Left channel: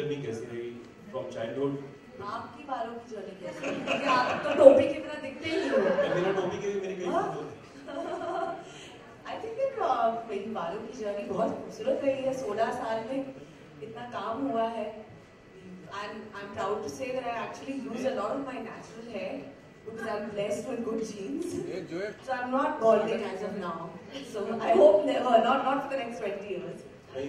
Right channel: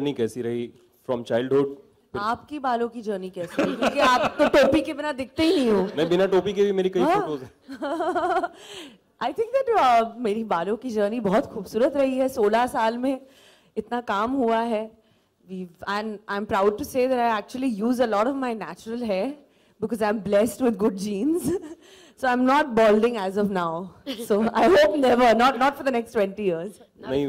Journey कैसी रही from childhood? आपकी बालों की जर्नी कैसी है? क्योंकि आप तो टोपी के बिना दिखते ही नहीं हो। मैं बिना टोपी के भी मेरी कई फोटोज। आई थिंक दैट मेरी बालों की जर्नी बहुत खूबसूरत रही है। 16 साल में इतना काम हुआ है। I'm proud to say that I actually use a lot of my natural hair because I'm blessed with good genes. So I'm not balding as of now. So I hope never, not for the next 20 years. नहीं,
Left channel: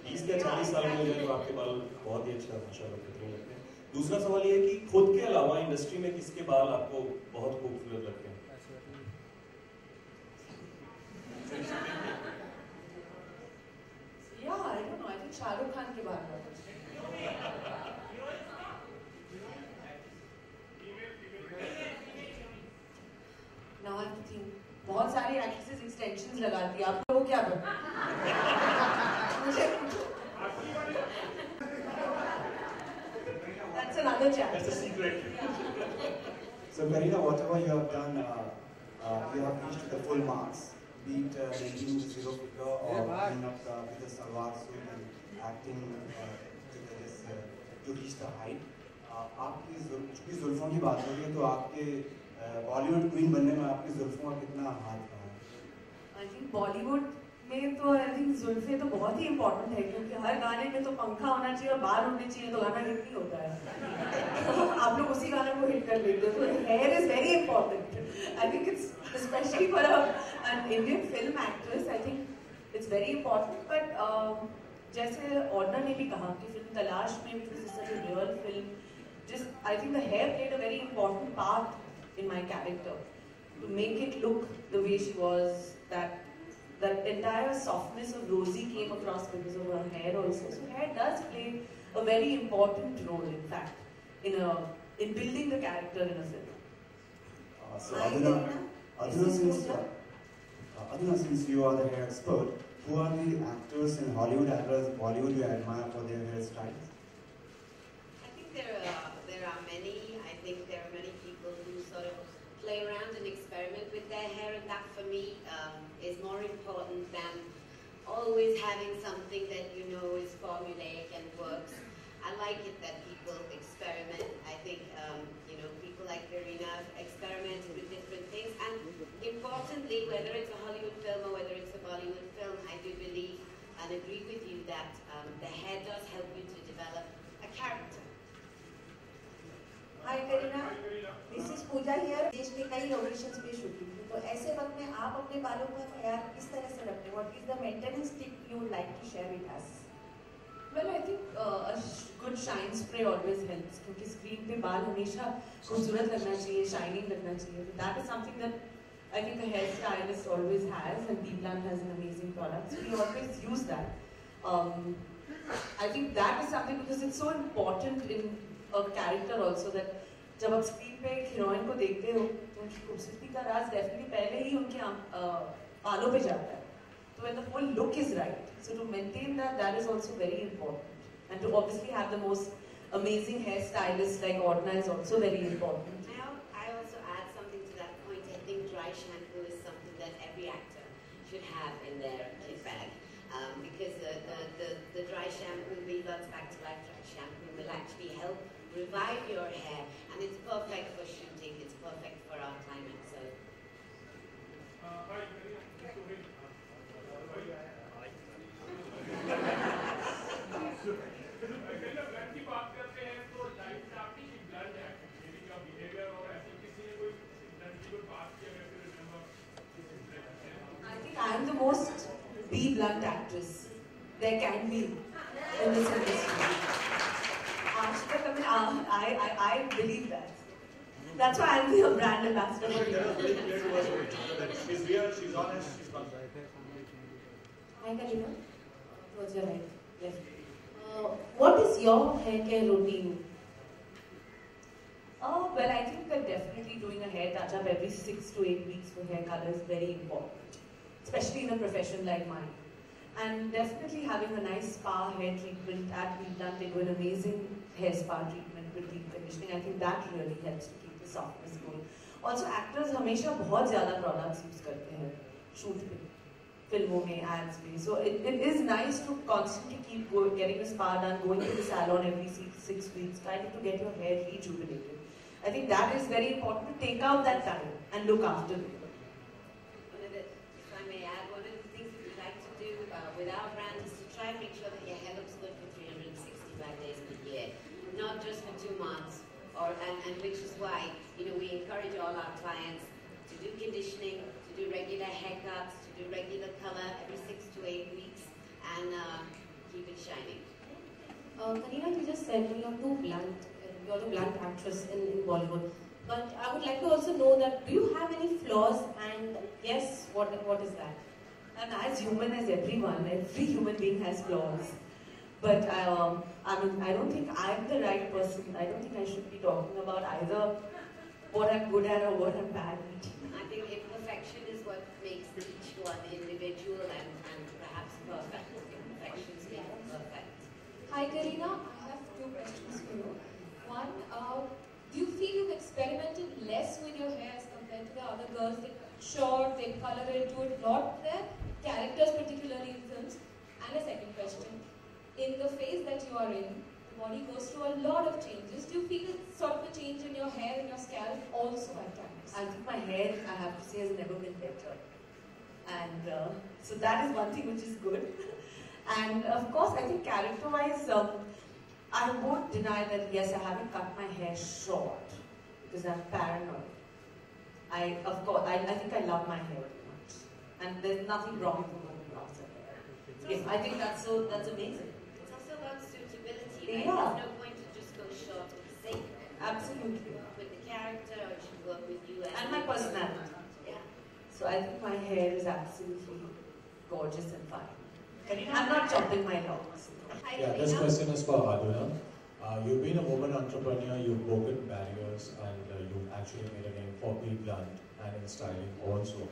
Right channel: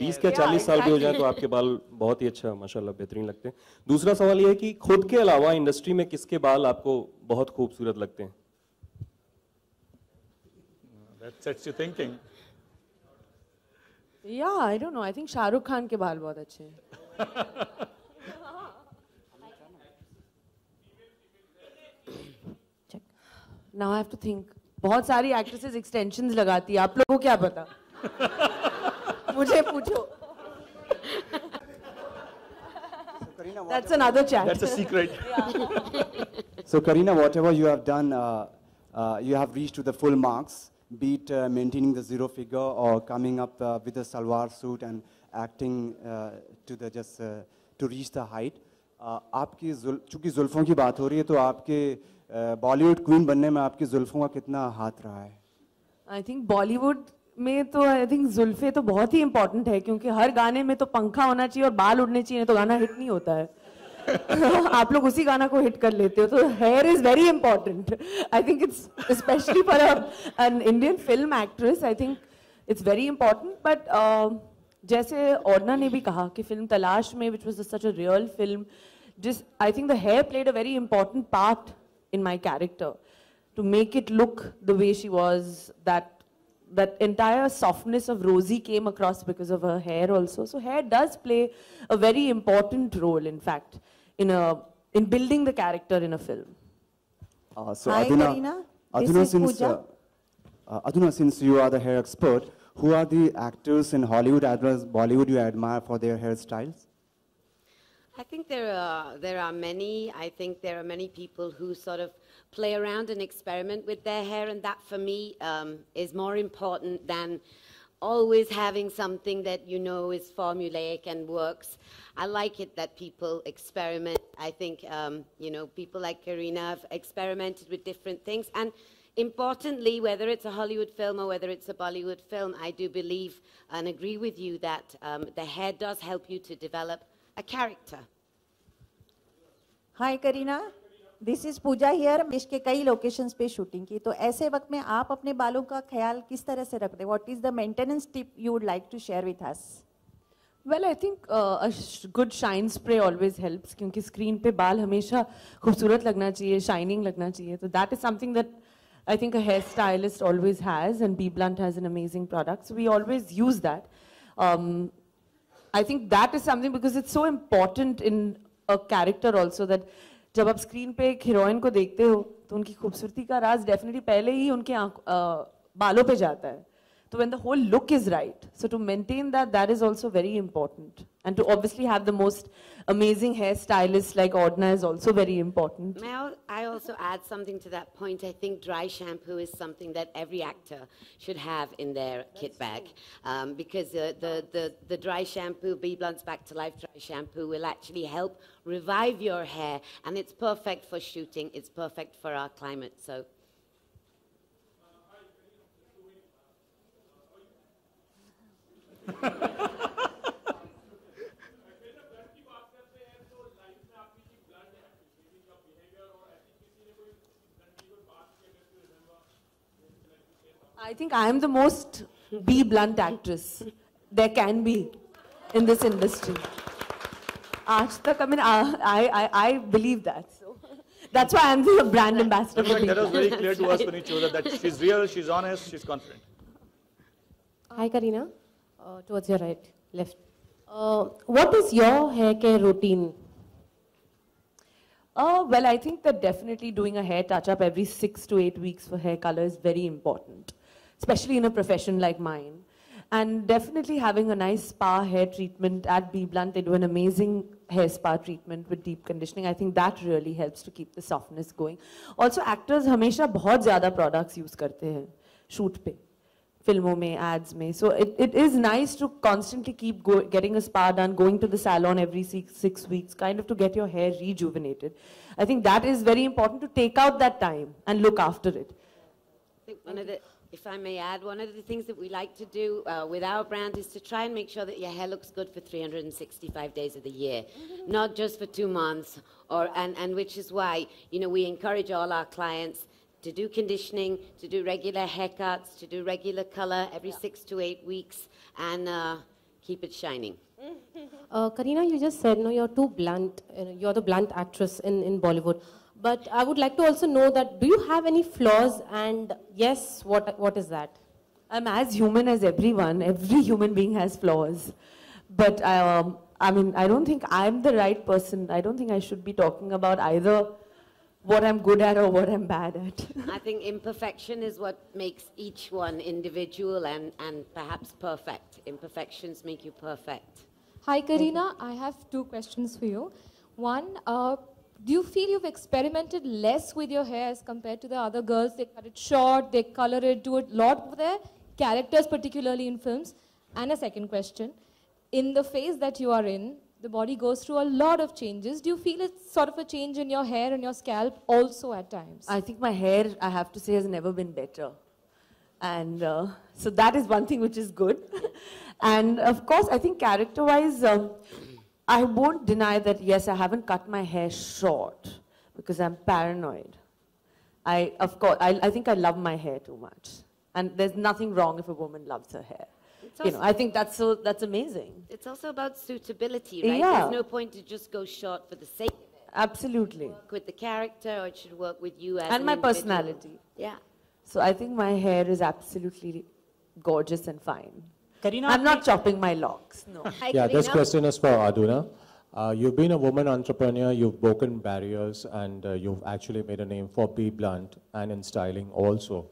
20 या 40 साल भी हो जाए तो आपके बाल बहुत ही अच्छा माशाल्लाह बेहतरीन लगते हैं। दूसरा सवाल ये है कि खुद के अलावा इंडस्ट्री में किसके बाल आपको बहुत खूबसूरत लगते हैं? That's sexy thinking. Yeah, I don't know. I think Shahrukh Khan के बाल बहुत अच्छे हैं। Now I have to think. बहुत सारी एक्ट्रेसेस एक्सटेंशंस लगाती है, आप लोगों को क्या पता? मुझे पूछो। That's another chat. That's a secret. So Kareena, whatever you have done, you have reached to the full marks, be it maintaining the zero figure or coming up with a salwar suit and acting to reach the height. आपकी चूँकि जुल्फ़ों की बात हो रही है तो आपके Bollywood queen बनने में आपकी जुल्फ़ों का कितना हाथ रहा है? I think बॉलीवुड में तो I think जुल्फ़े तो बहुत ही इम्पोर्टेंट है, क्योंकि हर गाने में तो पंखा होना चाहिए और बाल उड़ने चाहिए, तो गाना हिट नहीं होता है। आप लोग उसी गाना को हिट कर लेते हो, तो hair is very important. I think it's specially for an Indian film actress, I think it's very important. But जैसे ओडना ने भी कहा कि फिल्म तलाश में, which was such a real film, जिस I think the hair played a very important part in my character to make it look the way she was. That entire softness of Rosie came across because of her hair also. So hair does play a very important role, in fact, in building the character in a film. So Hi, Aduna, Aduna, since you are the hair expert, who are the actors in Hollywood as well as Bollywood you admire for their hairstyles? I think there are many. I think there are many people who sort of play around and experiment with their hair, and that for me is more important than always having something that you know is formulaic and works. I like it that people experiment. I think people like Kareena have experimented with different things, and importantly, whether it's a Hollywood film or whether it's a Bollywood film, I do believe and agree with you that the hair does help you to develop a character. Hi Kareena, this is Pooja here. देश के कई locations पे shooting की, तो ऐसे वक्त में आप अपने बालों का ख्याल किस तरह से रखते हैं? What is the maintenance tip you would like to share with us? Well, I think a good shine spray always helps, क्योंकि स्क्रीन पे बाल हमेशा खूबसूरत लगना चाहिए, शाइनिंग लगना चाहिए। तो that is something that I think a hairstylist always has, and B Blunt has an amazing product, so we always use that. I think that is something because it's so important in a character also that जब आप screen पे एक heroine को देखते हो तो उनकी खूबसूरती का राज डेफिनेटली पहले ही उनके बालों पे जाता है। तो when the whole look is right, so to maintain that is also very important, and to obviously have the most amazing hairstylist like Oddna is also very important. May I also add something to that point? I think dry shampoo is something that every actor should have in their kit bag, because the dry shampoo, B Blunt's Back to Life dry shampoo, will actually help revive your hair, and it's perfect for shooting. It's perfect for our climate. So. I think I am the most B Blunt actress there can be in this industry. I believe that. That's why I'm the brand ambassador for That was very clear to us when you chose that she's real, she's honest, she's confident. Hi Kareena, towards your right, left. What is your hair care routine? Well, I think that definitely doing a hair touch-up every 6 to 8 weeks for hair color is very important, especially in a profession like mine. And definitely having a nice spa hair treatment at B Blunt. They do an amazing hair spa treatment with deep conditioning. I think that really helps to keep the softness going. Also, actors हमेशा बहुत ज़्यादा products use करते हैं shoot पे. filmon mein, ads mein. So it is nice to constantly keep getting a spa done, going to the salon every 6 weeks, kind of to get your hair rejuvenated. I think that is very important, to take out that time and look after it. If I may add, one of the things that we like to do with our brand is to try and make sure that your hair looks good for 365 days of the year, not just for 2 months, and which is why, you know, we encourage all our clients to do conditioning, to do regular haircuts, to do regular color every 6 to 8 weeks, and keep it shining. Kareena, you just said, no, you're too blunt. You're the blunt actress in Bollywood. But I would like to also know that, do you have any flaws? And yes, what is that? I'm as human as everyone. Every human being has flaws. But I mean, I don't think I'm the right person. I don't think I should be talking about either what I'm good at or what I'm bad at. I think imperfection is what makes each one individual and perhaps perfect. Imperfections make you perfect. Hi Kareena, I have 2 questions for you. One, do you feel you've experimented less with your hair as compared to the other girls? They cut it short, they color it, do a lot of their characters, particularly in films. And a second question, in the phase that you are in, the body goes through a lot of changes. Do you feel it's sort of a change in your hair and your scalp also at times? I think my hair, I have to say, has never been better. And so that is one thing which is good. And of course, I think character-wise, I won't deny that, yes, I haven't cut my hair short because I'm paranoid. Of course, I think I love my hair too much. And there's nothing wrong if a woman loves her hair. You know, I think that's amazing. It's also about suitability, right? Yeah. There's no point to just go short for the sake. Absolutely. With the character, or it should work with you as And an my individual. personality. Yeah. So I think my hair is absolutely gorgeous and fine. Kareena, I'm not chopping my locks. No. Hi, Yeah, this Kareena. question is for Aduna. You've been a woman entrepreneur, you've broken barriers, and you've actually made a name for Be Blunt and in styling also.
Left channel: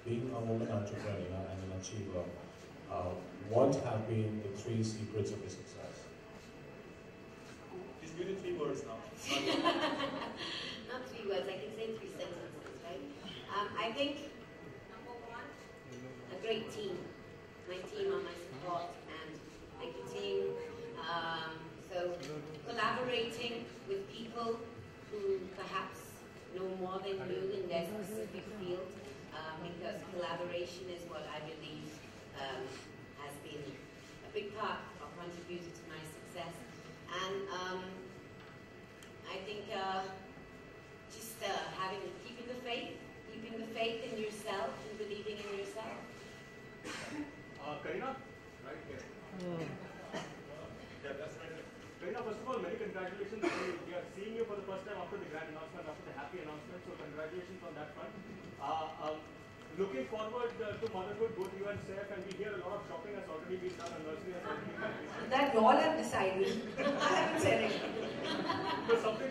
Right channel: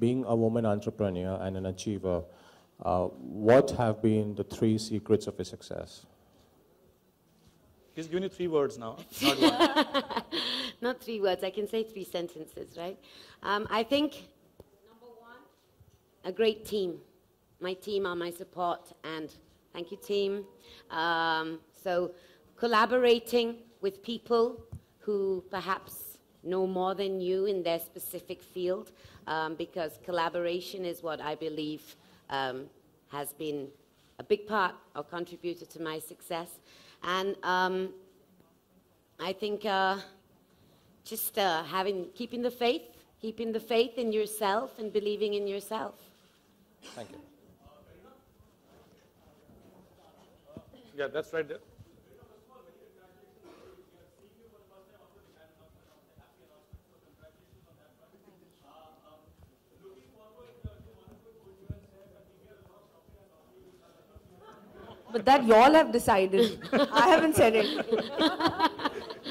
Being a woman entrepreneur and an achiever, what have been the 3 secrets of your success? He's given you 3 words now, not 1. Not 3 words, I can say 3 sentences, right? I think a great team. My team are my support, and thank you, team. So collaborating with people who perhaps know more than you in their specific field, because collaboration is what I believe has been a big part or contributed to my success. And I think just keeping the faith in yourself and believing in yourself. Kareena? Right here. Yeah, that's right there. Kareena, first of all, many congratulations. We are seeing you for the first time after the grand announcement, after the happy announcement. So congratulations on that front. Looking forward to motherhood, both you and Saif, and we hear a lot of shopping has already been done and nursery has already been done. But that y'all have decided. I haven't said it.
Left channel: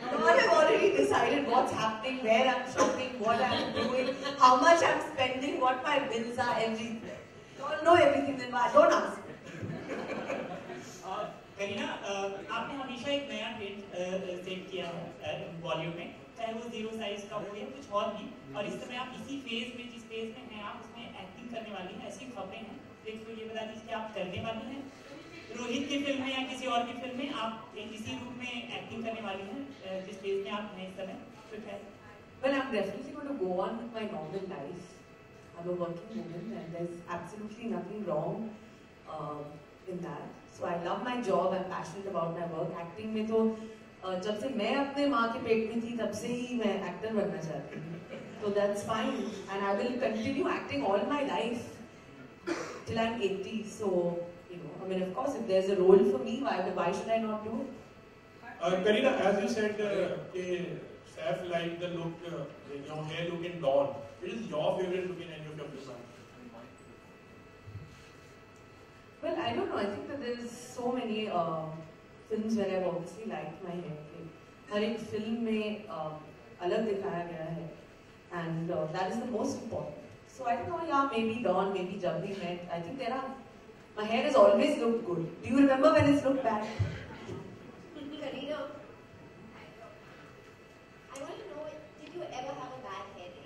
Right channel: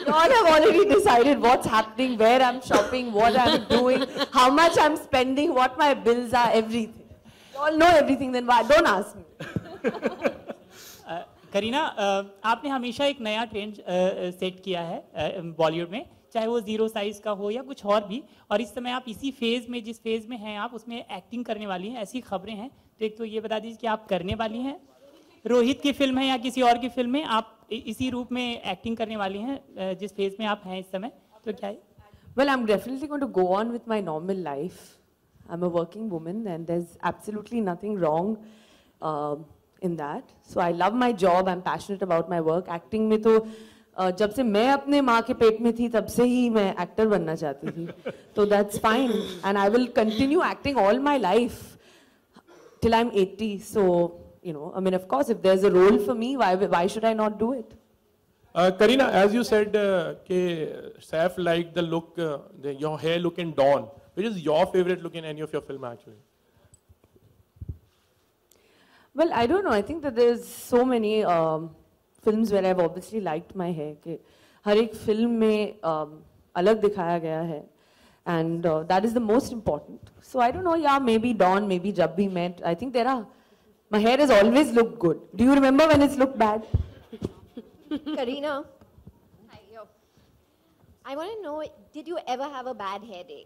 Y'all have already decided what's happening, where I'm shopping, what I'm doing, how much I'm spending, what my bills are, everything. Y'all know everything, then why? Don't ask. Kareena, आपने हमेशा एक नया trend set किया है बॉलीवुड में, चाहे वो 0 size का हो या कुछ और भी, और इस समय आप इसी फेज में, जिस फेज में हैं आप, उसमें एक्टिंग करने वाली हैं, ऐसी खबरें हैं। तो एक तो ये बता दीजिए कि आप करने वाली हैं, रोहित की फिल्म है या किसी और की फिल्म में आप इसी रूप में एक्टिंग करने वाली हैं जिस फेज में आप हैं इस समय, तो क्या है? Well, I'm definitely going to go on with my normal life. I'm a working woman and there's absolutely nothing wrong in that. So I love my job, I'm passionate about my work. Acting में तो जब से मैं अपने माँ के पेट में थी तब से ही मैं एक्टर बनना चाहती थी. So that's fine and I will continue acting all my life till I'm 80. So, you know, I mean, of course, if there's a role for me, why should I not do it? Kareena, as you said, Saif liked the look, your hair look in Dawn. Which is your favorite look in any of your film actually? Well, I don't know. I think that there's so many films where I've obviously liked my hair. कि हर एक film में अलग दिखाया गया है, and that is the most important. So I don't know. Yeah, maybe Dawn, maybe Jab We Met. I think my hair has always looked good. Do you remember when it's looked bad? Kareena, I want to know, did you ever have a bad hair day?